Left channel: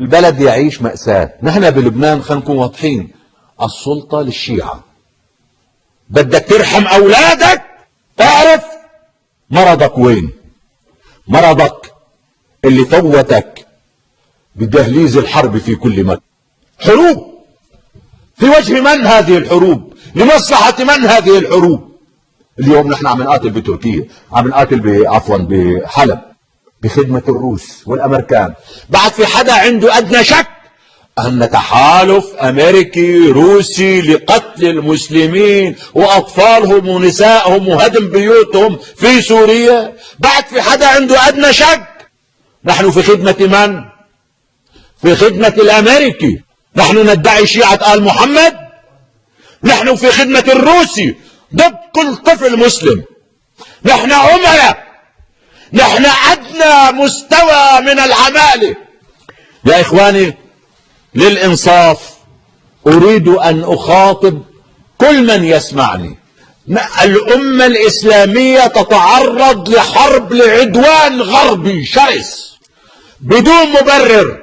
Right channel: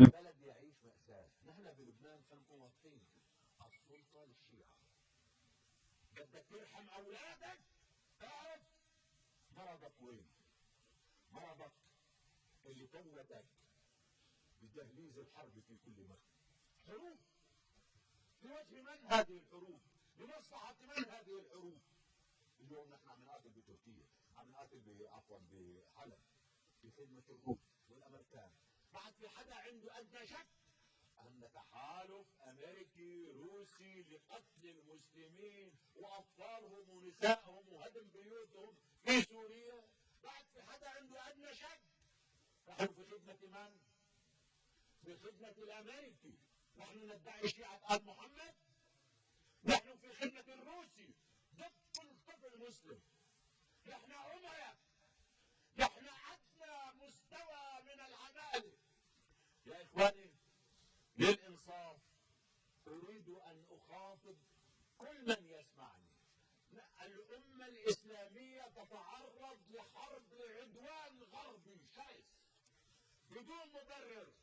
البلد يعيش مأساة. نحن بلبنان خلينا نكون واضحين، السلطة للشيعة. بدك ترحم أولادك، تعرف مرضك وين. مرضك اللي فوتك بدهليز الحرب في كل مكان. حروب في وجه من هذه الحروب؟ لمصلحة من هذه الحروب؟ اليوم نحن عم نقاتل بتركيا، عم نقاتل عفوا بحلب بخدمة الروس والأمريكان. بعد في حدا عنده أدنى شك أن تحالف أمريكي روسي لقتل المسلمين وأطفالهم ونسائهم وهدم بيوتهم في سوريا؟ بعد في حدا عنده أدنى شك؟ نحن في خدمة من؟ في خدمة الأمريكي. نحن ندعي شيعة آل محمد؟ نحن في خدمة الروسي ضد كل طفل مسلم. نحن عملاء، نحن أدنى مستوى من العمالة. يا إخواني للإنصاف أريد أن أخاطب كل من يسمعني. الأمة الإسلامية تتعرض لحرب لعدوان غربي شرس بدون مبرر.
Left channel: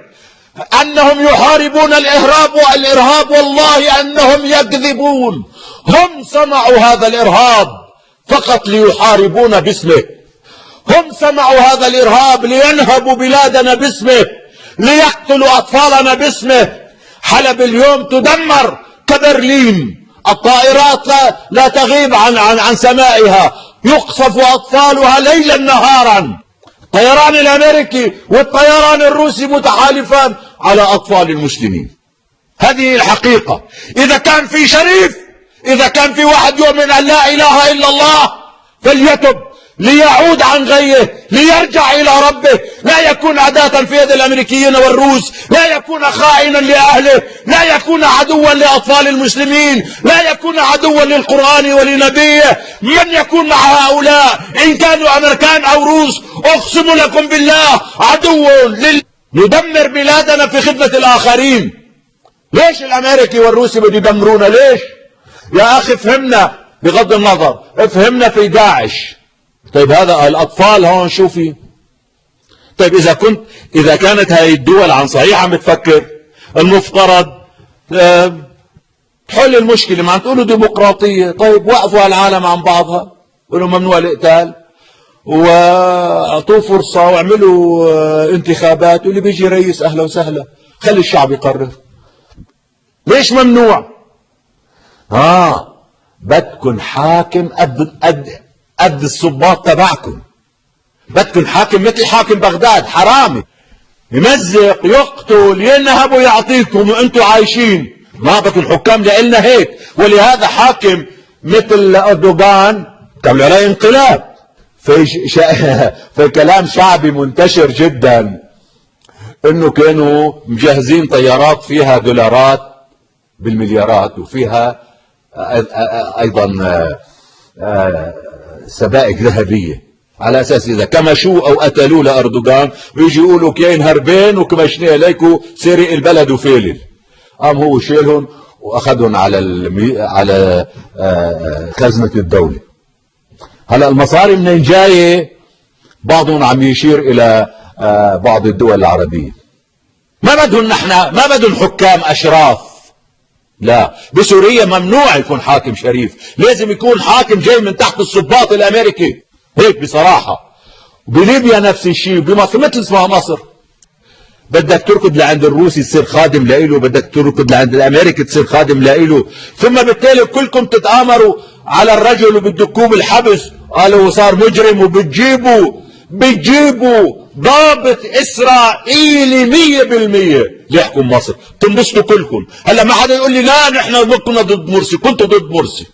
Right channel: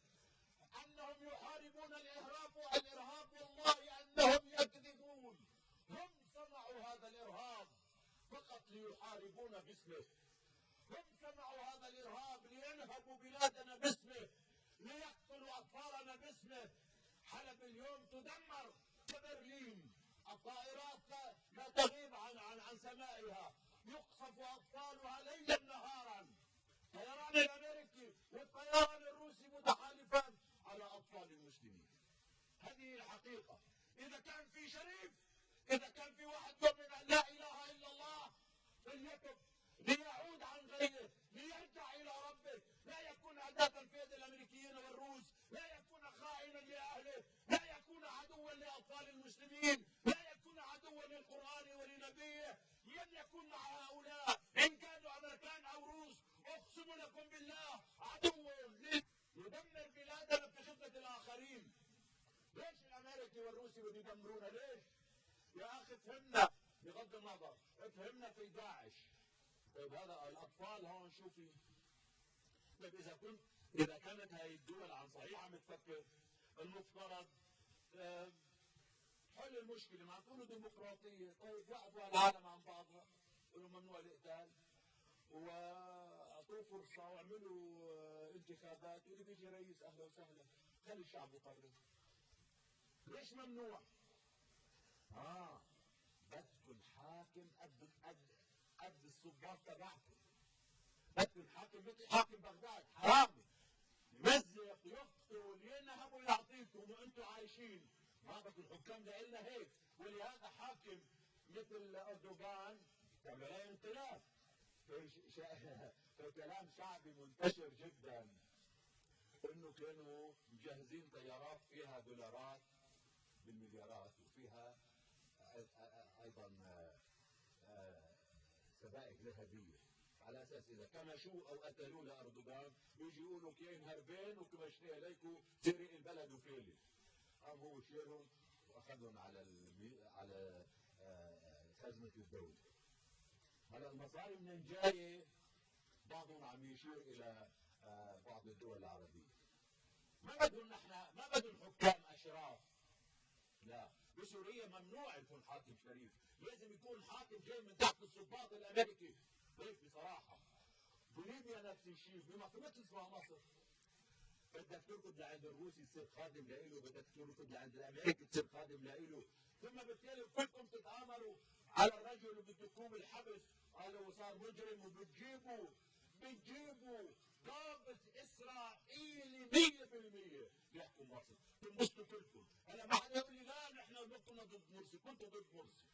أنهم يحاربون الإرهاب والله أنهم يكذبون. هم صنعوا هذا الإرهاب فقط ليحاربون باسمه. هم صنعوا هذا الإرهاب لينهبوا بلادنا باسمه، ليقتلوا أطفالنا باسمه. حلب اليوم تدمر كبرلين. الطائرات لا تغيب عن سمائها، يقصف أطفالها ليلا نهارا. الطيران الأمريكي والطيران الروسي متحالفان على أطفال المسلمين. هذه الحقيقة. إذا كان في شريف، إذا كان في واحد يؤمن أن لا إله إلا الله فليتب ليعود عن غيه، ليرجع إلى ربه، لا يكون عداة في يد الأمريكيين والروس، لا يكون خائنا لأهله، لا يكون عدوا لأطفال المسلمين، لا يكون عدوا للقرآن ولنبيه. من يكون مع هؤلاء إن كانوا أمريكان أو روس أقسم لكم بالله عدو ندمر بلادنا في خدمة الآخرين. ليش الأمريكي والروسي بده يدمرونا؟ ليش؟ يا أخي فهمنا، بغض النظر فهمنا في داعش. طيب هذا الأطفال هون شو في؟ طيب إذا كانت هاي الدول عن صحيح عم بتفكر، المفترض تحل المشكلة. ما عم تقولوا ديمقراطية، طيب وقفوا العالم عن بعضها، قولوا ممنوع القتال واعطوه فرصة واعملوا انتخابات، واللي بيجي رئيس أهلا وسهلا، خلي الشعب يقرر. ليش ممنوع؟ بدكن حاكم قد الصباط تبعكم. بدكن حاكم مثل حاكم بغداد، حرامي يمزق يقتل ينهب ويعطيكم وانتم عايشين. ما بدكن حكام لإلنا هيك. ولهذا حاكم مثل أردوغان تعملوا عليه انقلاب. في كلام شعبي منتشر جدا انه كانوا مجهزين طيارات فيها دولارات بالمليارات وفيها ايضا سبائك ذهبيه، على اساس اذا كمشوا او قتلوا لاردوغان بيجي يقولوا كاين هربين وكمشنا اليكم سرق البلد وفيلل. قام هو شيلهم واخذهم على خزنه الدوله. هلا المصاري منين جايه؟ بعضهم عم يشير الى بعض الدول العربيه. ما بدهم حكام اشراف. لا، بسوريا ممنوع يكون حاكم شريف، لازم يكون حاكم جاي من تحت الصباط الامريكي هيك بصراحه. بليبيا نفس الشيء، بمصر مثل اسمها مصر. بدك تركض لعند الروسي تصير خادم لإله، بدك تركض لعند الامريكي تصير خادم لإله، ثم بالتالي كلكم تتآمروا على الرجل وبتدكوه بالحبس. قالوا صار مجرم بتجيبوا ضابط اسرائيلي 100% ليحكم مصر، تنبسطوا كلكم. هلا ما حدا يقول لي لا نحن كنا ضد مرسي. كنتوا ضد مرسي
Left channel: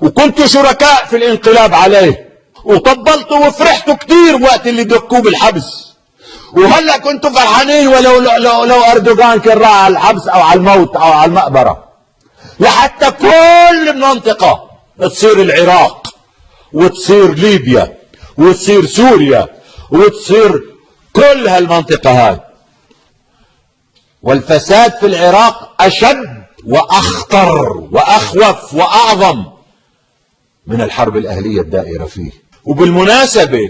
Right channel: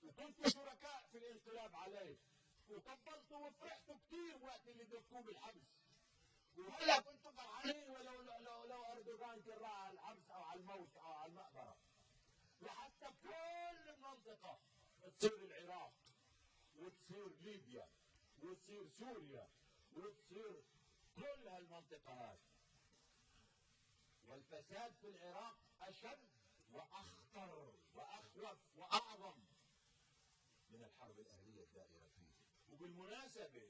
وكنتوا شركاء في الانقلاب عليه وطبلتوا وفرحتوا كثير وقت اللي دكوه بالحبس، وهلا كنتوا فرحانين لو اردوغان كان راح على الحبس او على الموت او على المقبره. لحتى كل المنطقه تصير العراق وتصير ليبيا وتصير سوريا وتصير كل هالمنطقة هاي. والفساد في العراق أشد وأخطر وأخوف وأعظم من الحرب الأهلية الدائرة فيه. وبالمناسبة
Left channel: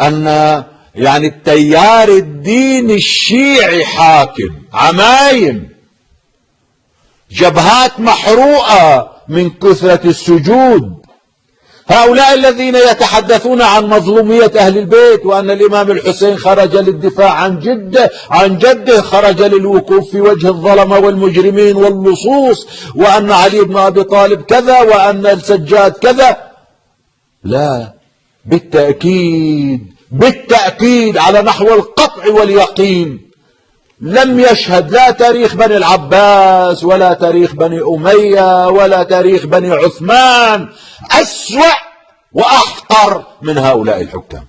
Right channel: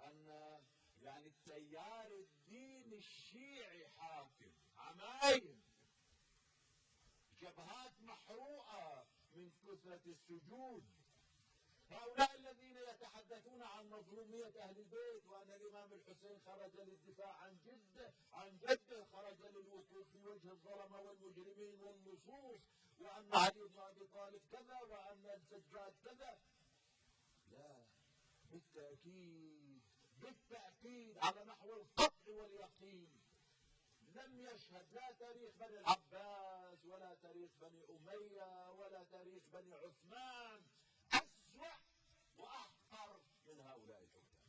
أن يعني التيار الديني الشيعي حاكم، عمايم، جبهات محروقة من كثرة السجود. هؤلاء الذين يتحدثون عن مظلومية أهل البيت، وأن الإمام الحسين خرج للدفاع عن جده خرج للوقوف في وجه الظلمة والمجرمين واللصوص، وأن علي بن أبي طالب كذا، وأن السجاد كذا. لا، بالتأكيد على نحو القطع واليقين لم يشهد لا تاريخ بني العباس ولا تاريخ بني أمية ولا تاريخ بني عثمان أسوأ وأحقر من هؤلاء الحكام.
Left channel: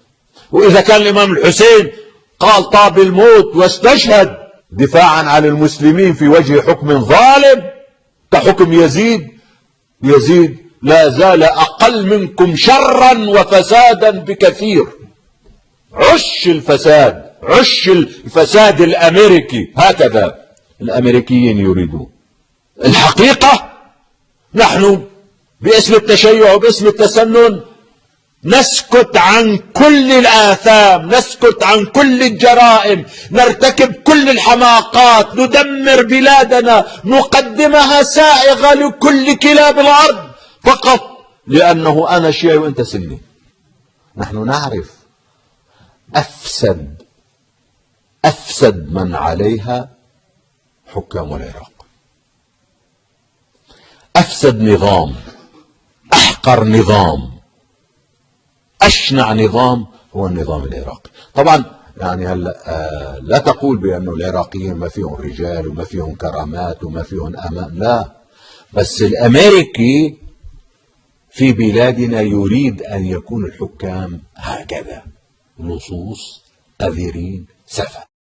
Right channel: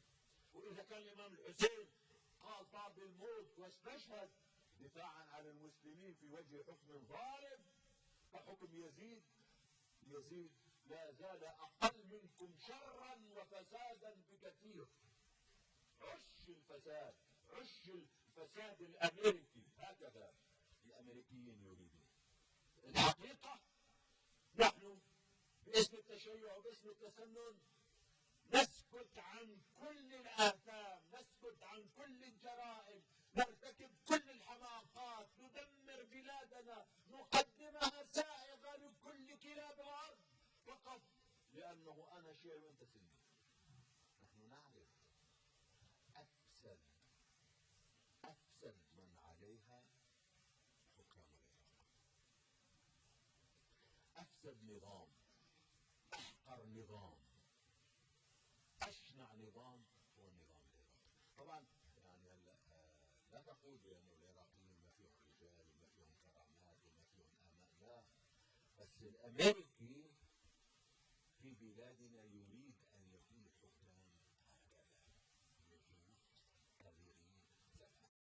وإذا كان الإمام الحسين قال طاب الموت واستشهد دفاعا عن المسلمين في وجه حكم ظالم كحكم يزيد لا زال أقل منكم شرا وفسادا بكثير. عش الفساد الأمريكي، هكذا الأمريكيين يريدون. الحقيقة نحن باسم التشيع وباسم التسنن نسكت عن كل الآثام، نسكت عن كل الجرائم، نرتكب كل الحماقات، ندمر بلادنا، نقدمها سائغة لكل كلاب الأرض فقط لأنه أنا شيعي وأنت سني. نحن نعرف أفسد من عليها حكام العراق، أفسد نظام، أحقر نظام، أشنع نظام هو النظام العراقي. طبعا يعني هلا لا تقول بأن العراقيين ما فيهم رجال وما فيهم كرامات وما فيهم أمان، لا، بس الأمريكي في بلادنا يريد أن يكون الحكام هكذا، لصوص، قذرين، سفه.